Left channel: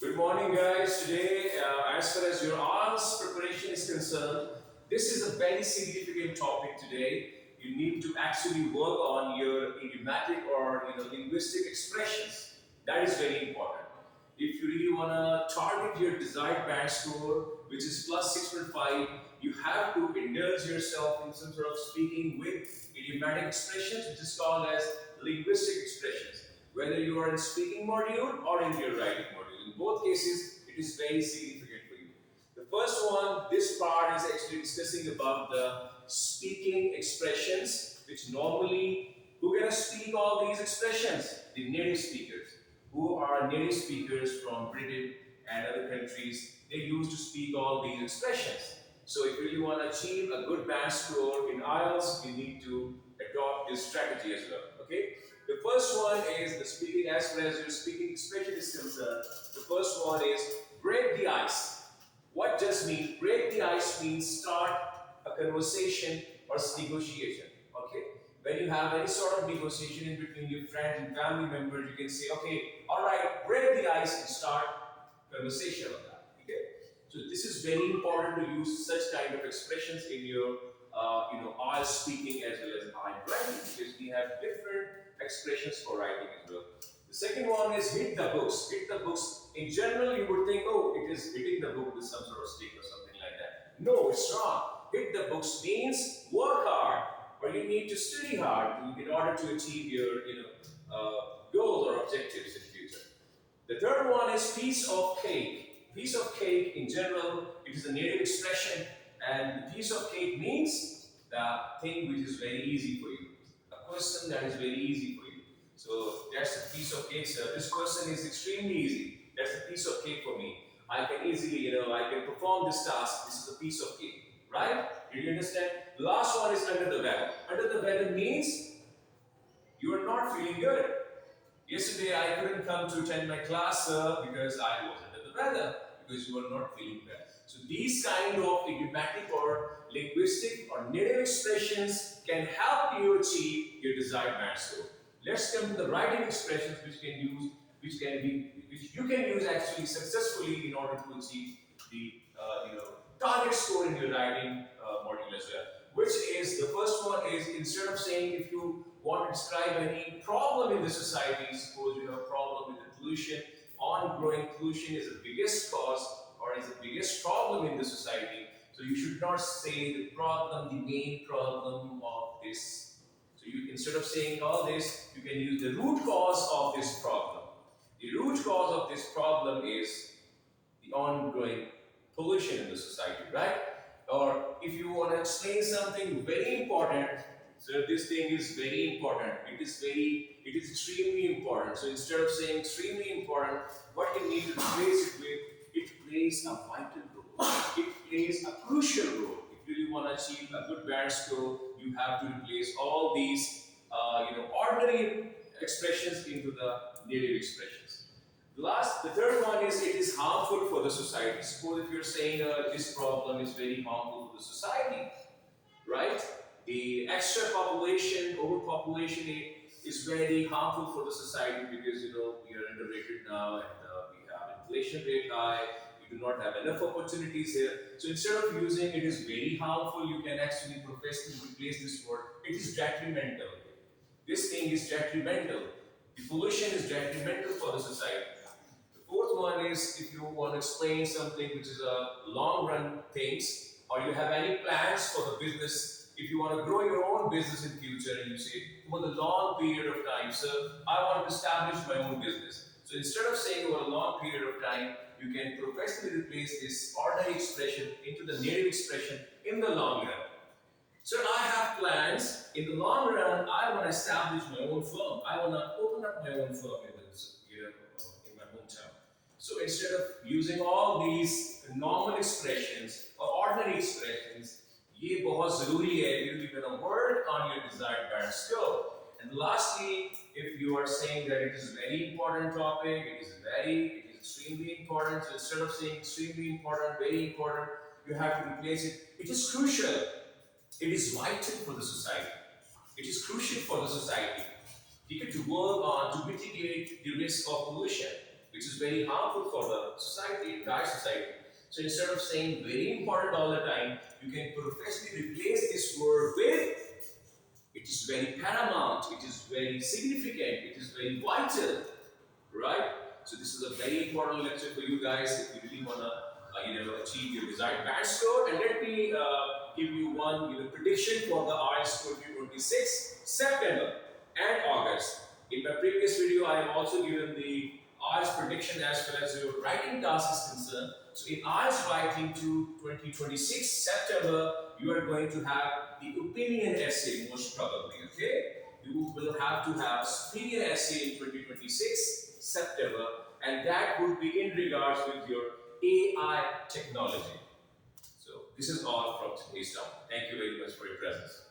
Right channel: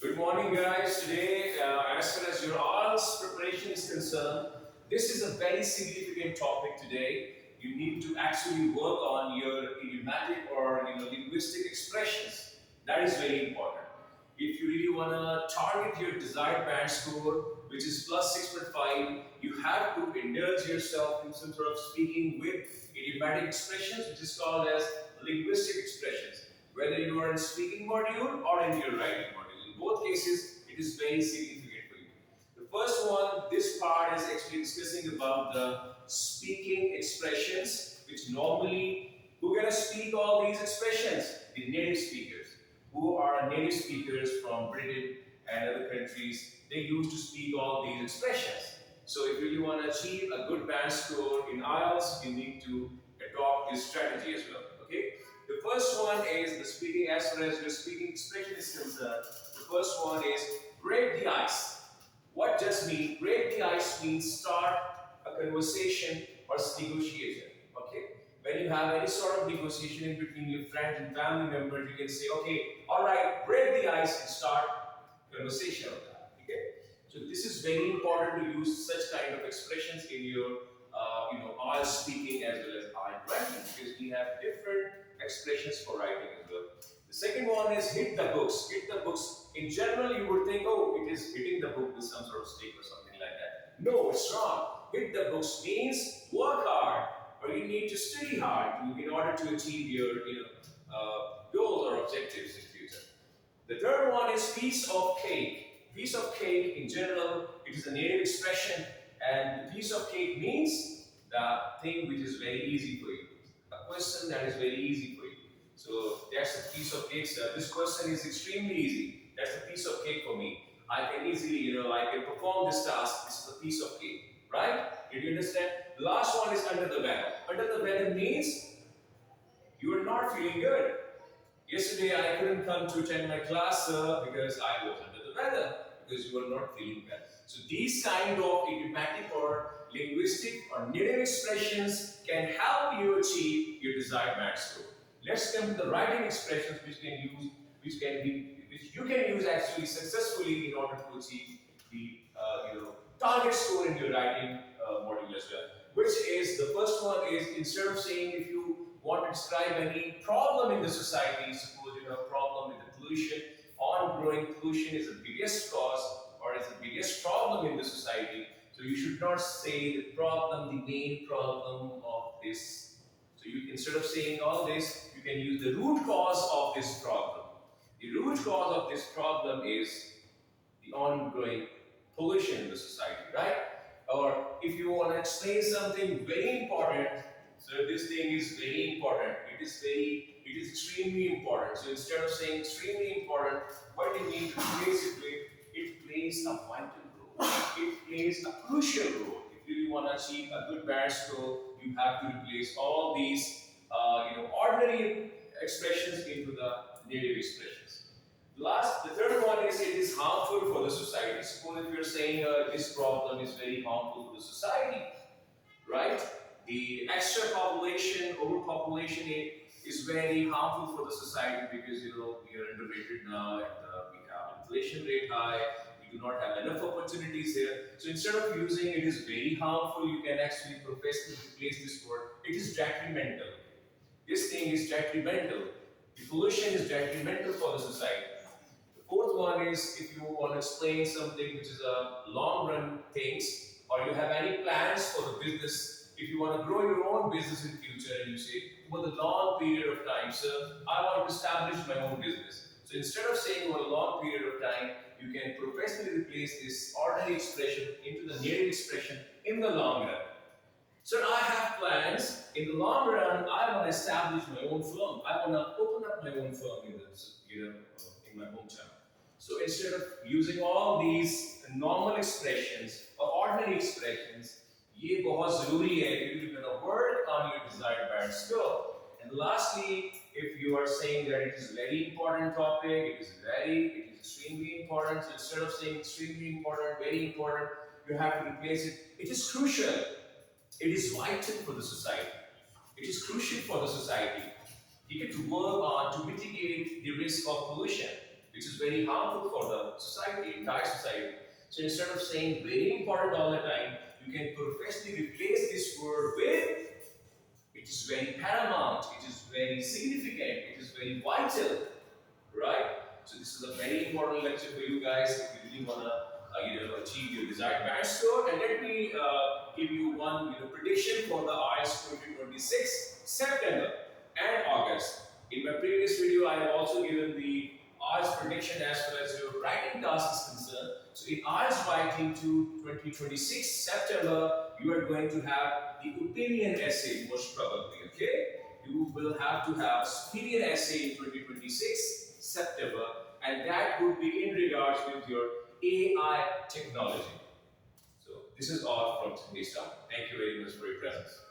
Good morning, guys. Today, as far as your IELTS preparation is concerned, this is a very significant topic today. You need to actually work on your idiomatic or linguistic expressions. That is very important. If you really want to target your desired band score, which is plus 6.5, you have to indulge yourself in some sort of speaking with idiomatic expressions, which is called as linguistic expressions. Whether you are in speaking module or in your writing module, in both cases, it is very significant for you. The first one, this part is actually discussing about the speaking expressions, which normally, who gonna speak all these expressions? The native speakers, who are native speakers from Britain and other countries. They used to speak all these expressions. So if you really want to achieve a good band score in IELTS, you need to adopt this strategy as well. Okay. The first one is the speaking, as far as your speaking expression is concerned. The first one is break the ice. What does mean? Break the ice means start a conversation or negotiation. Okay. When you have any sort of negotiation in between your friends and family members, you can say, okay, all right, break the ice and start conversation on that. Okay. So this is very important to use such kind of expressions in your IELTS speaking as well as IELTS writing, because we have different expressions for writing as well. The second one is hit the books. Hit the books. In general, you would think, oh, it is hitting the book with some sort of stick or something like that. No, it's wrong. Hit the books means work hard, or you need to study hard in order to achieve your goals or objectives in future. The third one is piece of cake. Piece of cake, in general, it is a native expression, and the piece of cake means the thing which is very easy for you. A question that is very easy for you. So that's a piece of cake, sir. This question is extremely easy. That's a piece of cake for me. I can easily, I can perform this task. This is a piece of cake, right? Did you understand? The last one is under the weather. Under the weather means you are not feeling good. Yesterday I couldn't come to attend my class, sir, because I was under the weather, because you are not feeling well. So these kind of idiomatic or linguistic or native expressions can help you achieve your desired band score. Let's come to the writing expressions which you can use actually successfully in order to achieve the target score in your writing module as well. Which is the first one is, instead of saying if you want to describe any problem in the society, suppose you have a problem with the pollution, ongoing pollution is the biggest cause or is the biggest problem in the society. So you should not say the problem, the main problem of this. So you, instead of saying all this, you can use the root cause of this problem. The root cause of this problem is the ongoing pollution in the society, right? Or if you want to explain something very important, so this thing is very important. It is extremely important. So instead of saying extremely important, what you need to replace it with, it plays a vital role. It plays a crucial role. If you really want to achieve a good band score, you have to replace all these, ordinary expressions into the native expressions. The third one is it is harmful for the society. Suppose if you're saying this problem is very harmful for the society, right? The extra population, overpopulation is very harmful for the society because we are underrated now and we have inflation rate high. We do not have enough opportunities here. So instead of using it is very harmful, you can actually professionally replace this word. It is detrimental. This thing is detrimental. The pollution is detrimental for the society. The fourth one is if you want to explain something which is a long run things, or you have any plans for the business. If you want to grow your own business in future and you say over the long period of time, sir, I want to establish my own business. So instead of saying over a long period of time, you can professionally replace this ordinary expression into the native expression in the long run. So I have plans. In the long run, I want to establish my own firm. I want to open up my own firm in in my hometown. So instead of using all these normal expressions or ordinary expressions, ये बहुत ज़रूरी है. You're going to work on your desired band score. And lastly, if you are saying that it is a very important topic, it is extremely important. So instead of saying extremely important, very important, you have to replace it. It is crucial. It is vital for the society. It is crucial for the society. You get to work on to mitigate the risk of pollution. which is very harmful for the society, entire society. So instead of saying very important all the time, you can professionally replace this word with it is very paramount, it is very significant, it is very vital, right? So this is a very important lecture for you guys if you really want to achieve your desired band score. And let me give you one prediction for the IELTS 2026 September and August. In my previous video, I have also given the IELTS prediction as far as your writing task is concerned. So in IELTS writing to 2026 September, you are going to have the opinion essay most probably, okay? You will have to have opinion essay in 2026 September, and that would be in regards with your AI technology. So this is all from today's talk. Thank you very much for your presence.